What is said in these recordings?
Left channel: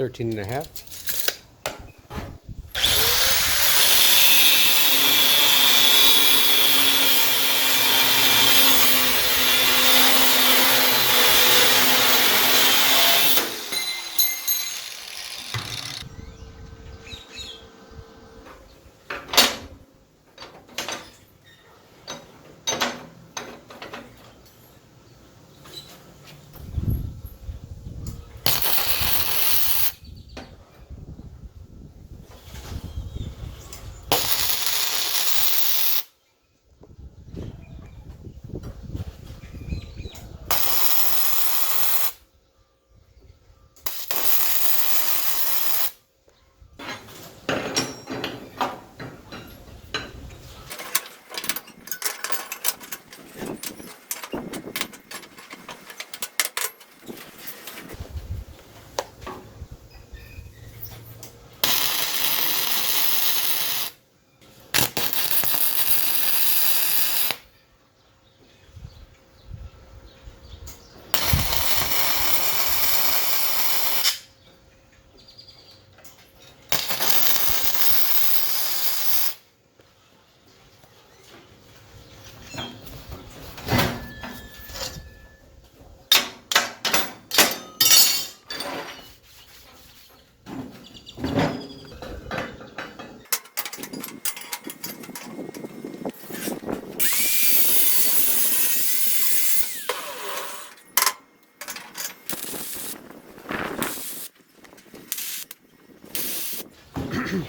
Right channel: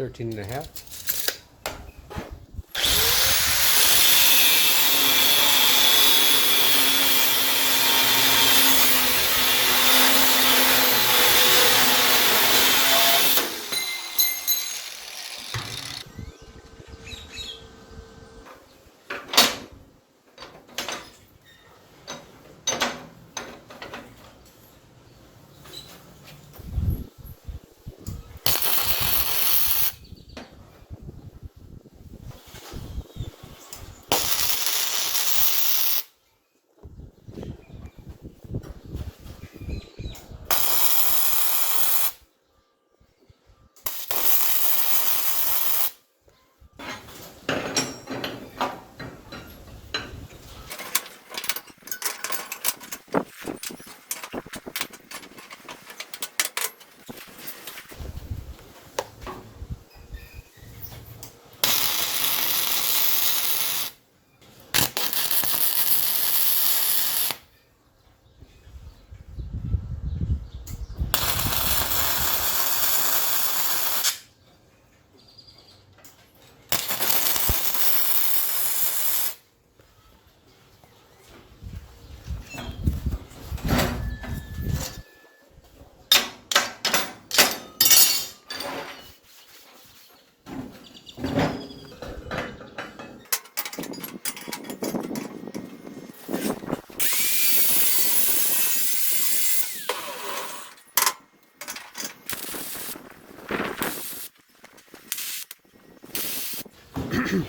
13 and a half.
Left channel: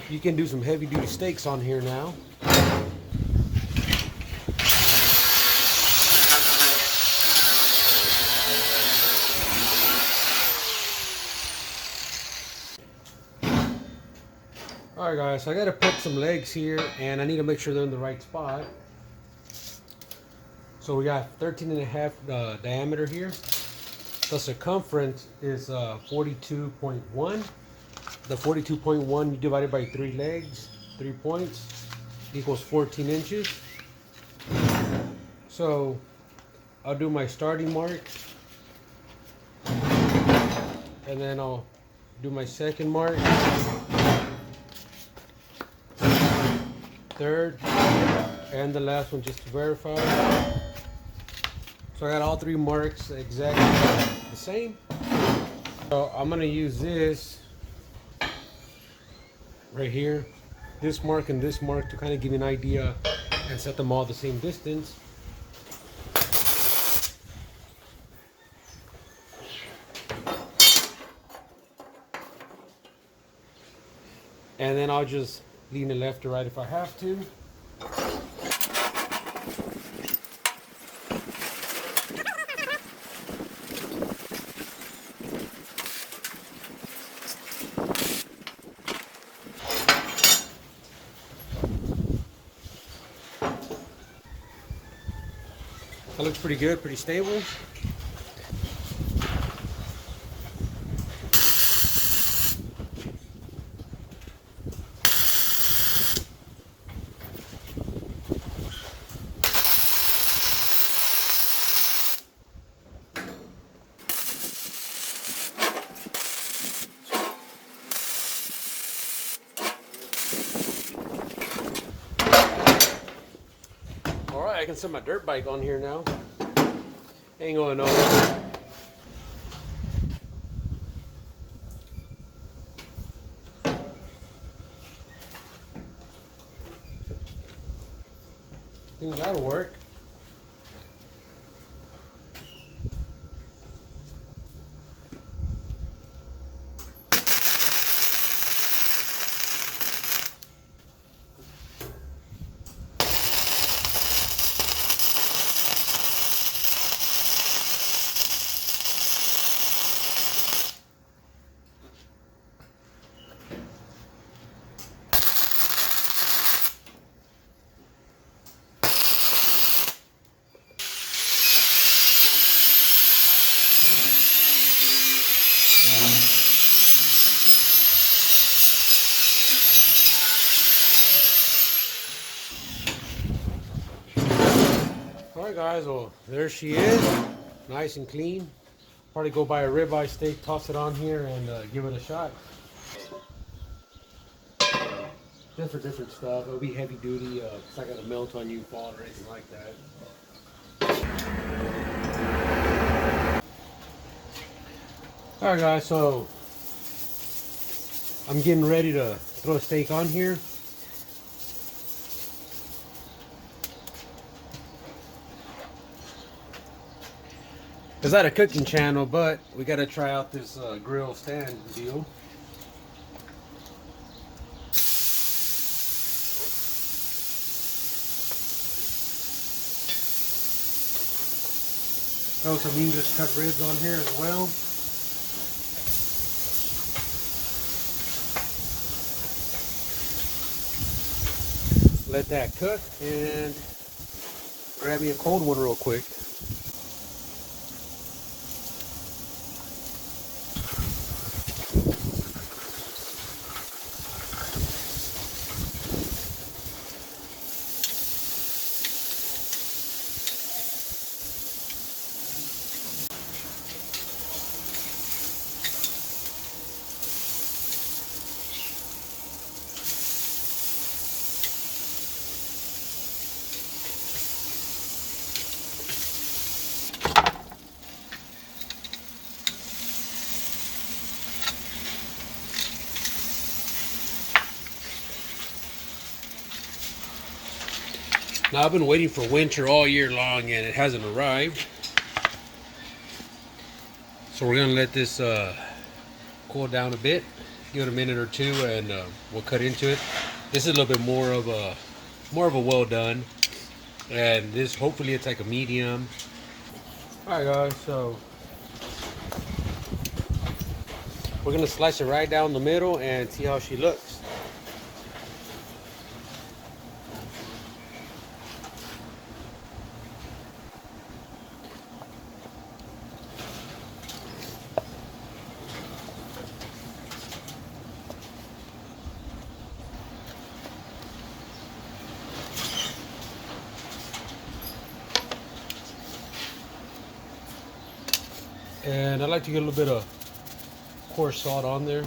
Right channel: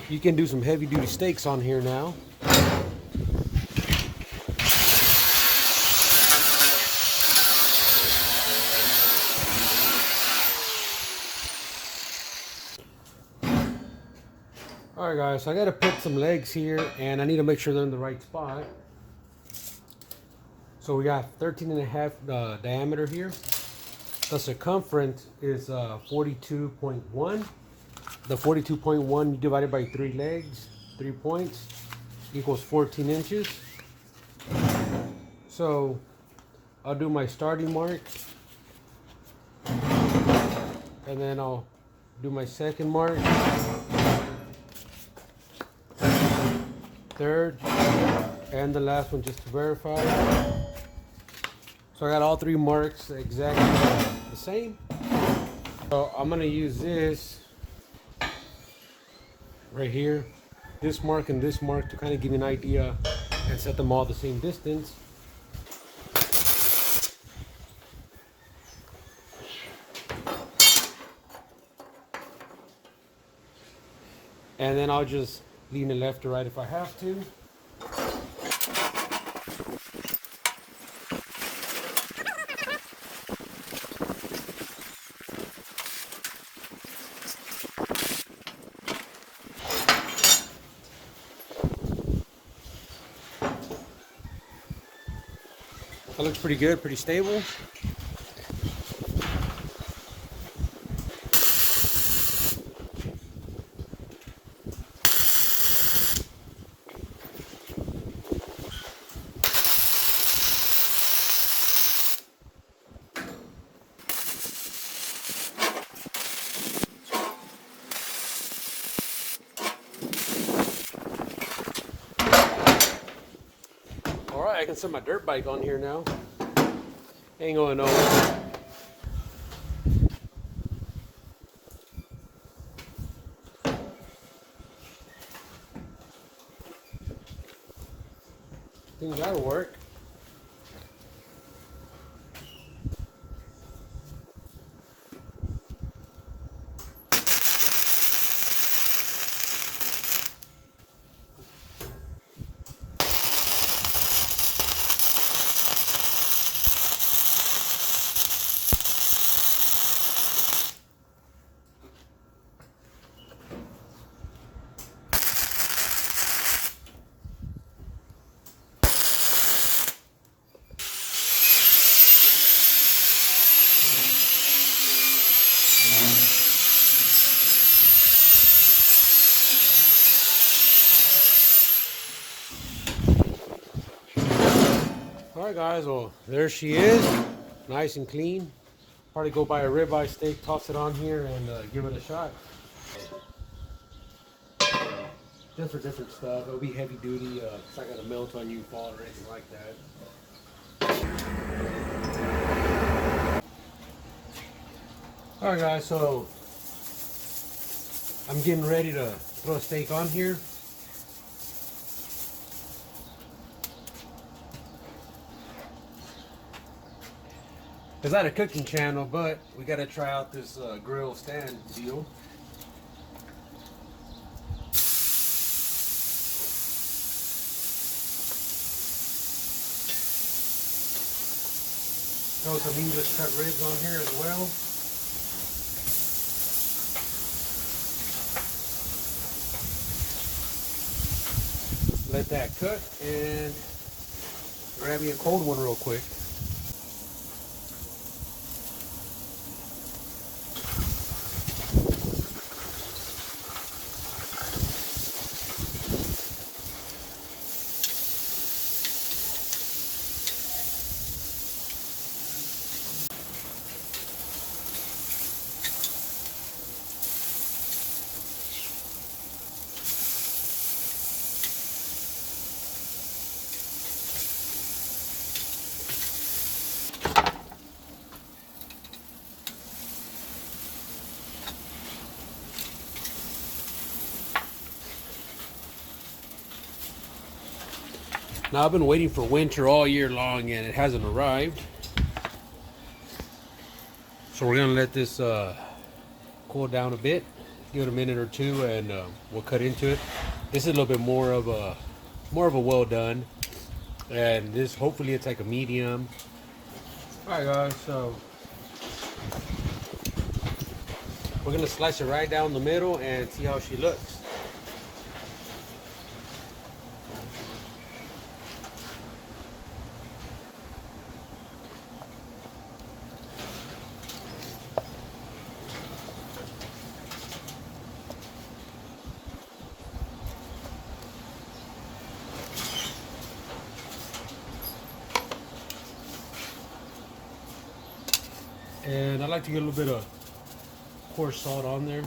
You can do some heavy duty stakes on here now. Alright guys, so I gotta put some legs here and I need to make sure they're in the right spot. So we got 13 and a half diameter here. The circumference is 42.1. The 42.1 you divide it by 3 legs, 3 points, equals 14 inches. So I'll do my starting mark, and then I'll do my second mark, third, and the last one just to verify. So I got all 3 marks exactly the same. So I'm gonna use this right here, this mark and this mark, to kind of give you an idea and set them all the same distance. And then I'll just lean it left or right if I have to. That looks pretty good, pretty stable. Alright, I can set my dirt bike on here now. Ain't going nowhere. I think that'll work. Alright guys, well there she is, nice and clean. Probably go buy a ribeye steak, toss it on here, and give it a shot. Just for different stuff. It'll be heavy duty. It's not gonna melt on you, fall, or anything like that. All right, guys. So I'm getting ready to throw a steak on here. It's not a cooking channel, but we gotta try out this grill stand deal. Throw some English cut ribs on here as well. Let that cook and grab me a cold one real quick. Now I've been waiting for winter all year long and it hasn't arrived. So we're gonna let this cool down a bit, give it a minute or two, and we'll cut into it. This is a little bit more of a well done, and this hopefully it's like a medium. All right, guys. So we're gonna slice it right down the middle and see how she looks. And I like to get a little bit of coarse salt on there.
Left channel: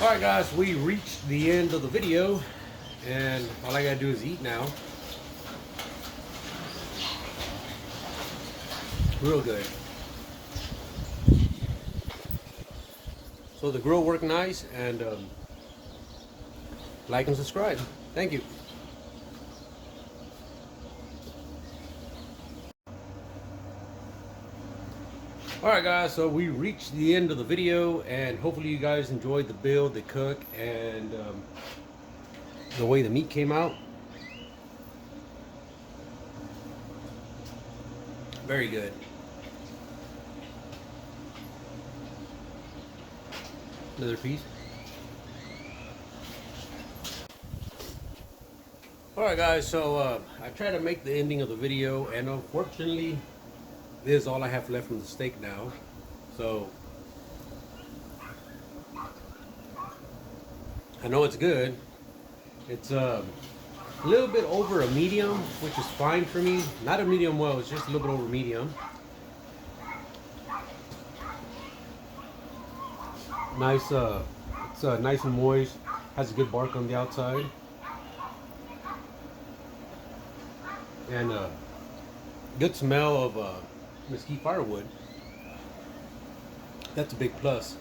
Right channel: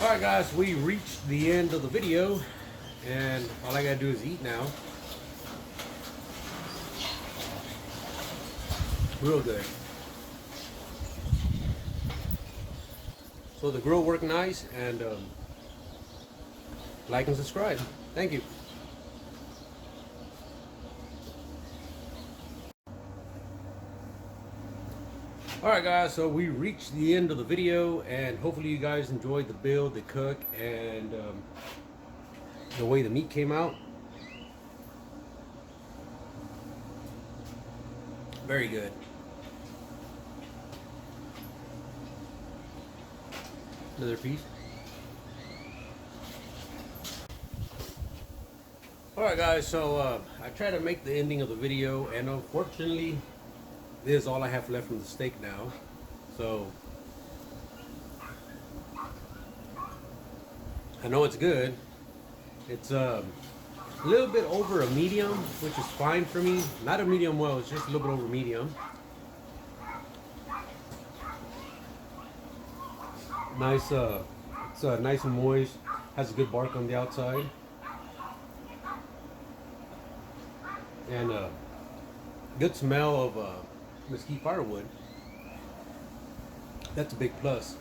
All right, guys, we reached the end of the video, and all I gotta do is eat now. Real good. So the grill worked nice, and like and subscribe. Thank you. Alright, guys, so we reached the end of the video, and hopefully you guys enjoyed the build, the cook, and the way the meat came out. Very good. Another piece. Alright, guys, so I tried to make the ending of the video, and unfortunately this is all I have left from the steak now. So I know it's good. It's a little bit over a medium, which is fine for me. Not a medium well, it's just a little bit over medium. Nice, it's nice and moist. Has a good bark on the outside. And good smell of mesquite firewood. That's a big plus.